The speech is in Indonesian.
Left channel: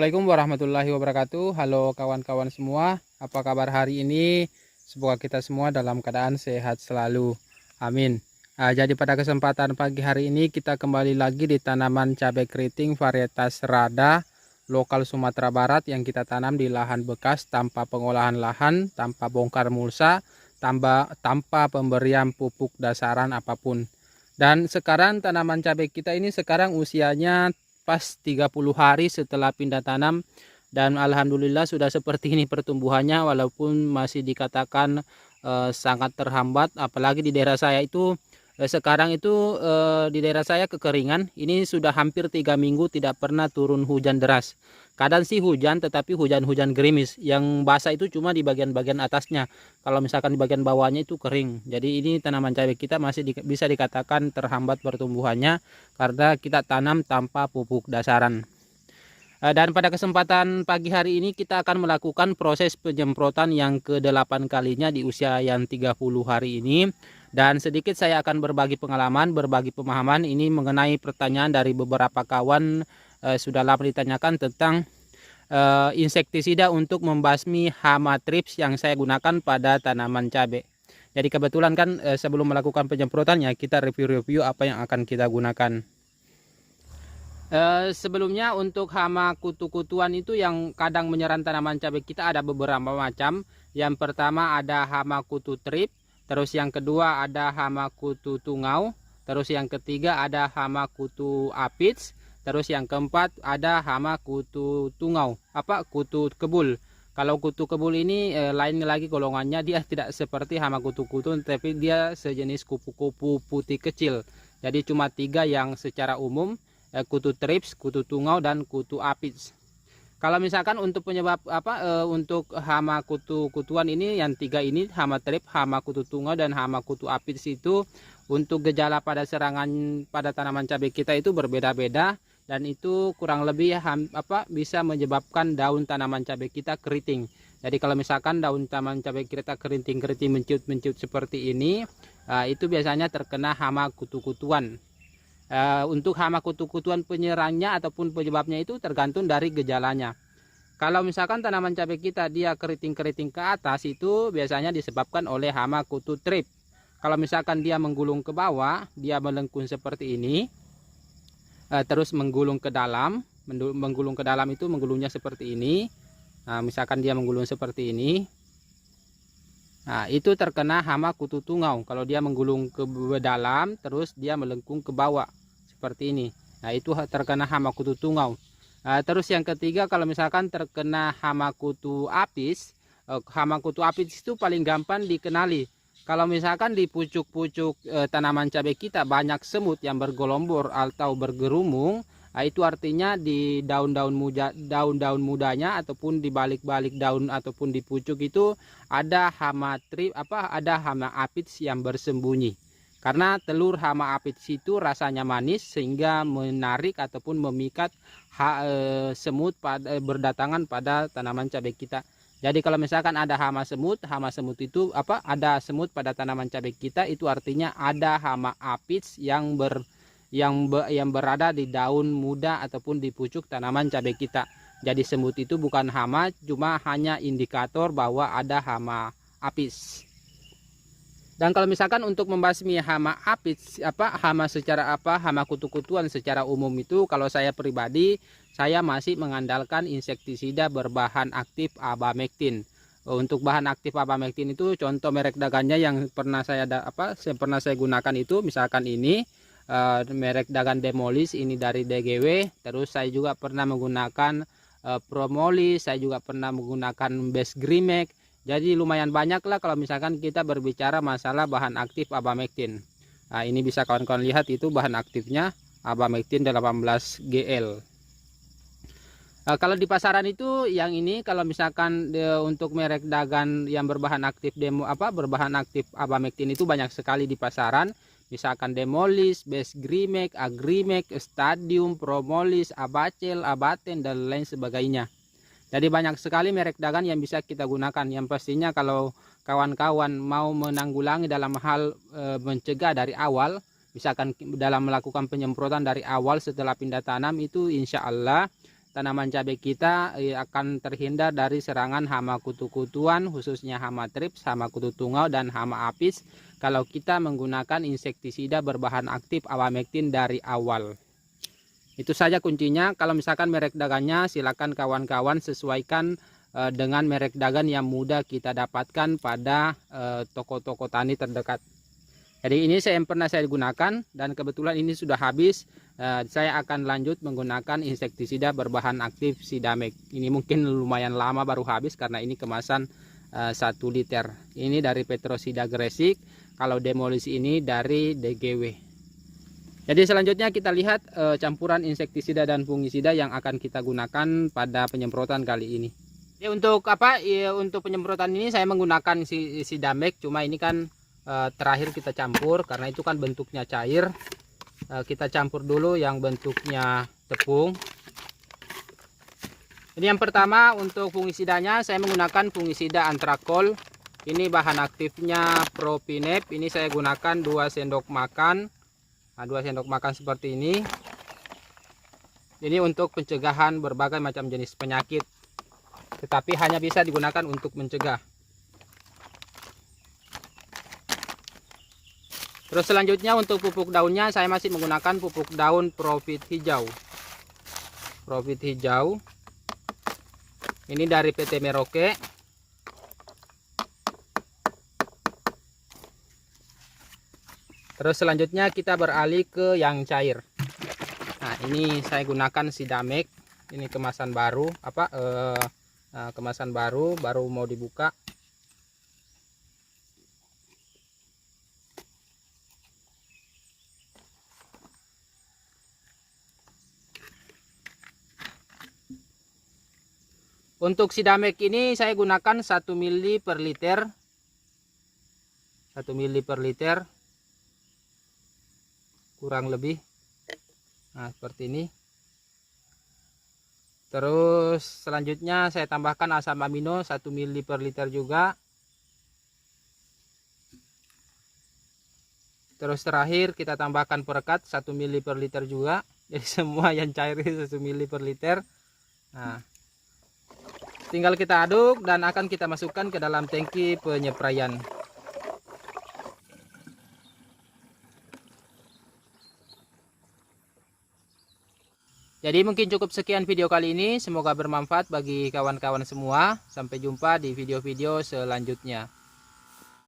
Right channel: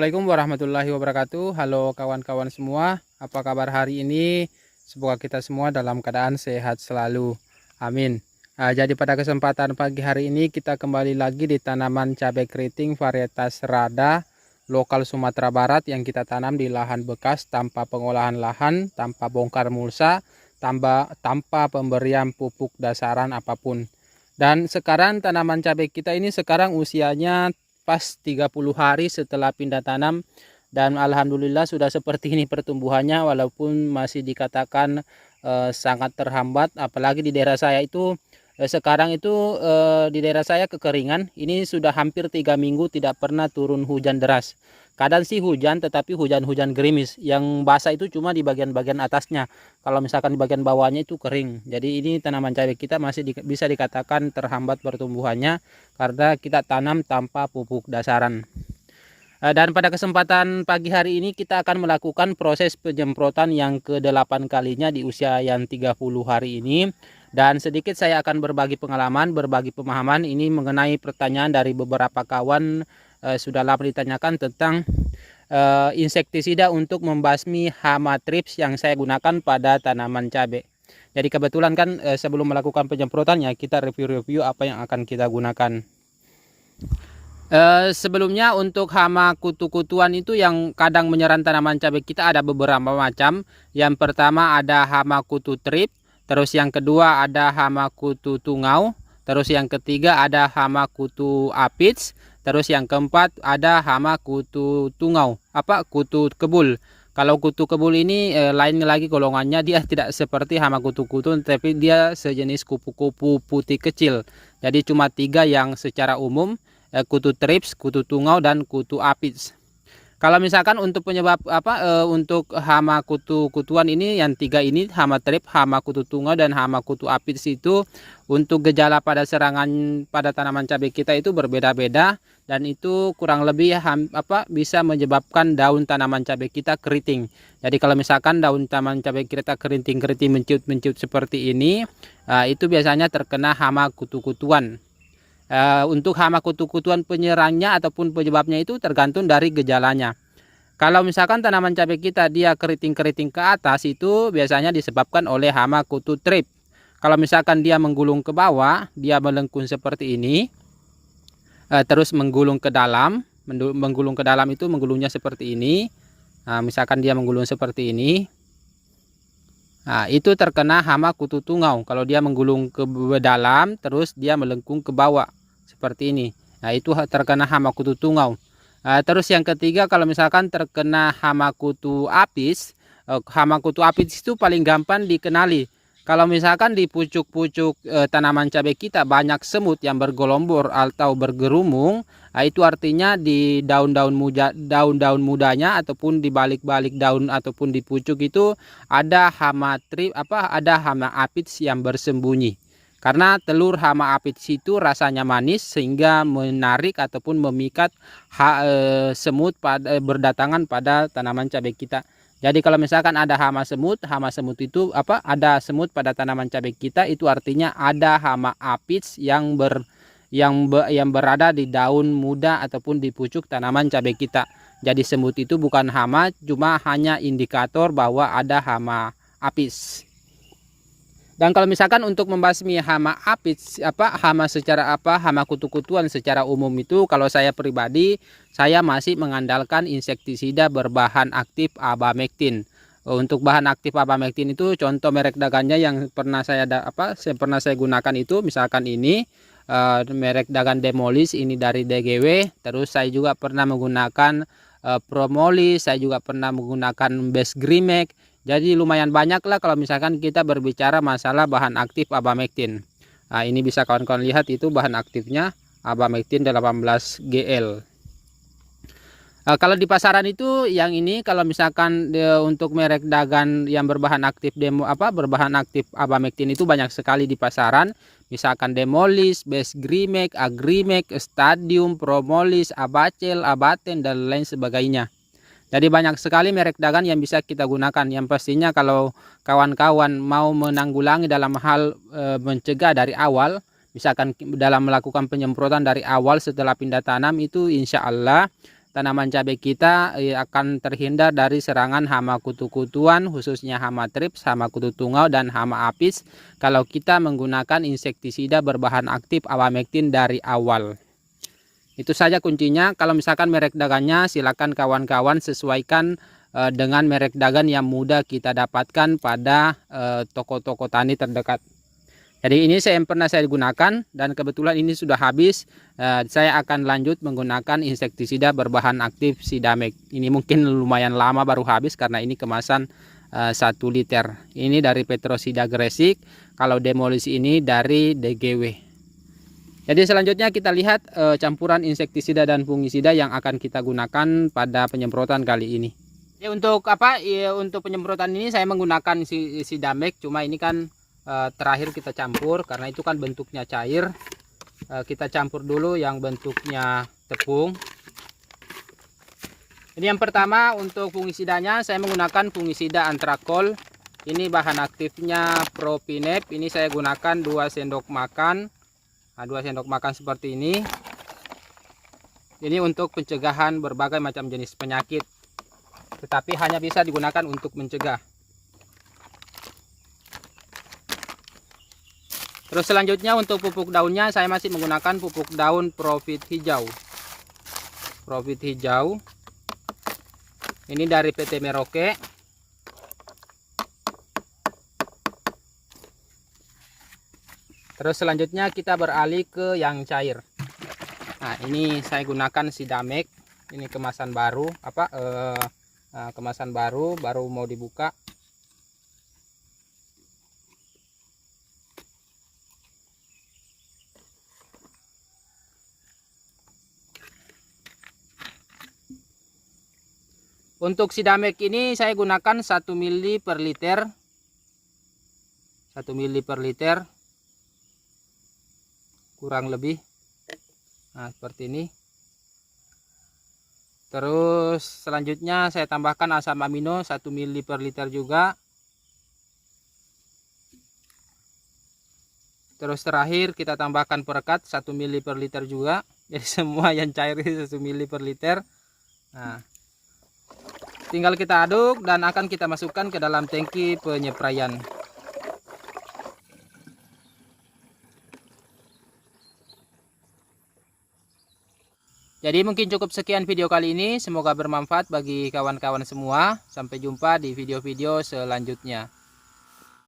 Assalamualaikum warahmatullahi wabarakatuh. Halo kawan-kawan semua, apa kabar hari ini? Semoga kita semua dalam keadaan sehat selalu. Amin. Jadi pada kesempatan pagi hari ini kita kembali lagi di tanaman cabai keriting varietas Rada lokal Sumatera Barat yang kita tanam di lahan bekas tanpa pengolahan lahan, tanpa bongkar mulsa, tanpa pemberian pupuk dasaran apapun. Dan sekarang tanaman cabai kita ini sekarang usianya pas 30 hari setelah pindah tanam, dan alhamdulillah sudah seperti ini pertumbuhannya, walaupun masih dikatakan sangat terhambat, apalagi di daerah saya itu sekarang itu di daerah saya kekeringan. Ini sudah hampir 3 minggu tidak pernah turun hujan deras. Kadang sih hujan, tetapi hujan-hujan gerimis. Yang basah itu cuma di bagian-bagian atasnya. Kalau misalkan di bagian bawahnya itu kering. Jadi ini tanaman cabai kita masih bisa dikatakan terhambat pertumbuhannya karena kita tanam tanpa pupuk dasaran. Dan pada kesempatan pagi hari ini kita akan melakukan proses penyemprotan yang ke-8 kalinya di usia yang 30 hari ini. Dan sedikit saya akan berbagi pengalaman, berbagi pemahaman ini mengenai pertanyaan dari beberapa kawan sudah lama ditanyakan tentang insektisida untuk membasmi hama trips yang saya gunakan pada tanaman cabai. Jadi kebetulan kan sebelum melakukan penyemprotannya kita review-review apa yang akan kita gunakan. Sebelumnya untuk hama kutu-kutuan itu yang kadang menyerang tanaman cabai kita ada beberapa macam. Yang pertama ada hama kutu trip, terus yang kedua ada hama kutu tungau, terus yang ketiga ada hama kutu aphids, terus yang keempat ada hama kutu tungau, kutu kebul. Kalau kutu kebul ini lain lagi golongannya, dia tidak seperti hama kutu-kutu, tapi dia sejenis kupu-kupu putih kecil. Jadi cuma 3 yang secara umum, kutu trips, kutu tungau, dan kutu aphids. Kalau misalkan untuk penyebab untuk hama kutu-kutuan ini yang 3 ini, hama trip, hama kutu tungau, dan hama kutu aphids itu untuk gejala pada serangan pada tanaman cabai kita itu berbeda-beda, dan itu kurang lebih bisa menyebabkan daun tanaman cabai kita keriting. Jadi kalau misalkan daun tanaman cabai kita keriting-keriting menciut-menciut seperti ini, itu biasanya terkena hama kutu-kutuan. Untuk hama kutu-kutuan penyerangnya ataupun penyebabnya itu tergantung dari gejalanya. Kalau misalkan tanaman cabai kita dia keriting-keriting ke atas, itu biasanya disebabkan oleh hama kutu trip. Kalau misalkan dia menggulung ke bawah, dia melengkung seperti ini, terus menggulung ke dalam, itu menggulungnya seperti ini. Misalkan dia menggulung seperti ini, itu terkena hama kutu tungau. Kalau dia menggulung ke dalam terus dia melengkung ke bawah seperti ini, itu terkena hama kutu tungau. Terus yang ketiga, kalau misalkan terkena hama kutu aphids, itu paling gampang dikenali. Kalau misalkan di pucuk-pucuk tanaman cabai kita banyak semut yang bergelombor atau bergerumung, itu artinya di daun-daun mudanya ataupun di balik-balik daun ataupun di pucuk itu ada hama aphids yang bersembunyi. Karena telur hama aphids itu rasanya manis sehingga menarik ataupun memikat semut berdatangan pada tanaman cabai kita. Jadi kalau misalkan ada hama semut itu ada semut pada tanaman cabai kita, itu artinya ada hama aphids yang berada di daun muda ataupun di pucuk tanaman cabai kita. Jadi semut itu bukan hama, cuma hanya indikator bahwa ada hama aphids. Dan kalau misalkan untuk membasmi hama aphids, hama kutu-kutuan secara umum itu, kalau saya pribadi, saya masih mengandalkan insektisida berbahan aktif abamectin. Untuk bahan aktif abamectin itu contoh merek dagannya yang pernah saya gunakan itu, misalkan ini merek dagan Demolis, ini dari DGW. Terus saya juga pernah menggunakan Promolis, saya juga pernah menggunakan Best Grimek. Jadi lumayan banyak lah kalau misalkan kita berbicara masalah bahan aktif abamectin. Ini bisa kawan-kawan lihat, itu bahan aktifnya abamectin 18 GL. Kalau di pasaran itu yang ini, kalau misalkan untuk merek dagan yang berbahan aktif berbahan aktif abamectin itu banyak sekali di pasaran. Misalkan Demolis, Best Grimek, Agrimek, Stadium, Promolis, Abacel, Abaten, dan lain sebagainya. Jadi banyak sekali merek dagan yang bisa kita gunakan. Yang pastinya kalau kawan-kawan mau menanggulangi dalam hal mencegah dari awal, misalkan dalam melakukan penyemprotan dari awal setelah pindah tanam, itu insya Allah tanaman cabai kita akan terhindar dari serangan hama kutu-kutuan, khususnya hama trips, hama kutu tungau, dan hama apis kalau kita menggunakan insektisida berbahan aktif awamectin dari awal. Itu saja kuncinya. Kalau misalkan merek dagannya, silakan kawan-kawan sesuaikan dengan merek dagang yang mudah kita dapatkan pada toko-toko tani terdekat. Jadi ini yang pernah saya gunakan dan kebetulan ini sudah habis. Saya akan lanjut menggunakan insektisida berbahan aktif Sidamek. Ini mungkin lumayan lama baru habis karena ini kemasan 1 liter. Ini dari Petrosida Gresik. Kalau demolisi ini dari DGW. Jadi selanjutnya kita lihat campuran insektisida dan fungisida yang akan kita gunakan pada penyemprotan kali ini. Ya, untuk apa? Ya, untuk penyemprotan ini saya menggunakan Sidamek. Cuma ini kan terakhir kita campur karena itu kan bentuknya cair. Kita campur dulu yang bentuknya tepung. Ini yang pertama untuk fungisidanya saya menggunakan fungisida Antrakol. Ini bahan aktifnya Propinep. Ini saya gunakan 2 sendok makan. Nah, 2 sendok makan seperti ini. Ini untuk pencegahan berbagai macam jenis penyakit. Tetapi hanya bisa digunakan untuk mencegah. Terus selanjutnya untuk pupuk daunnya saya masih menggunakan pupuk daun Profit Hijau. Profit Hijau. Ini dari PT Merauke. Terus selanjutnya kita beralih ke yang cair. Nah, ini saya gunakan Sidamek. Ini kemasan baru, kemasan baru mau dibuka. Untuk Sidamek ini saya gunakan 1 ml per liter. 1 ml per liter. Kurang lebih. Nah, seperti ini. Terus selanjutnya saya tambahkan asam amino 1 ml per liter juga. Terus terakhir kita tambahkan perekat 1 ml per liter juga. Jadi semua yang cair 1 ml per liter. Nah, tinggal kita aduk dan akan kita masukkan ke dalam tangki penyepraian. Jadi mungkin cukup sekian video kali ini. Semoga bermanfaat bagi kawan-kawan semua. Sampai jumpa di video-video selanjutnya.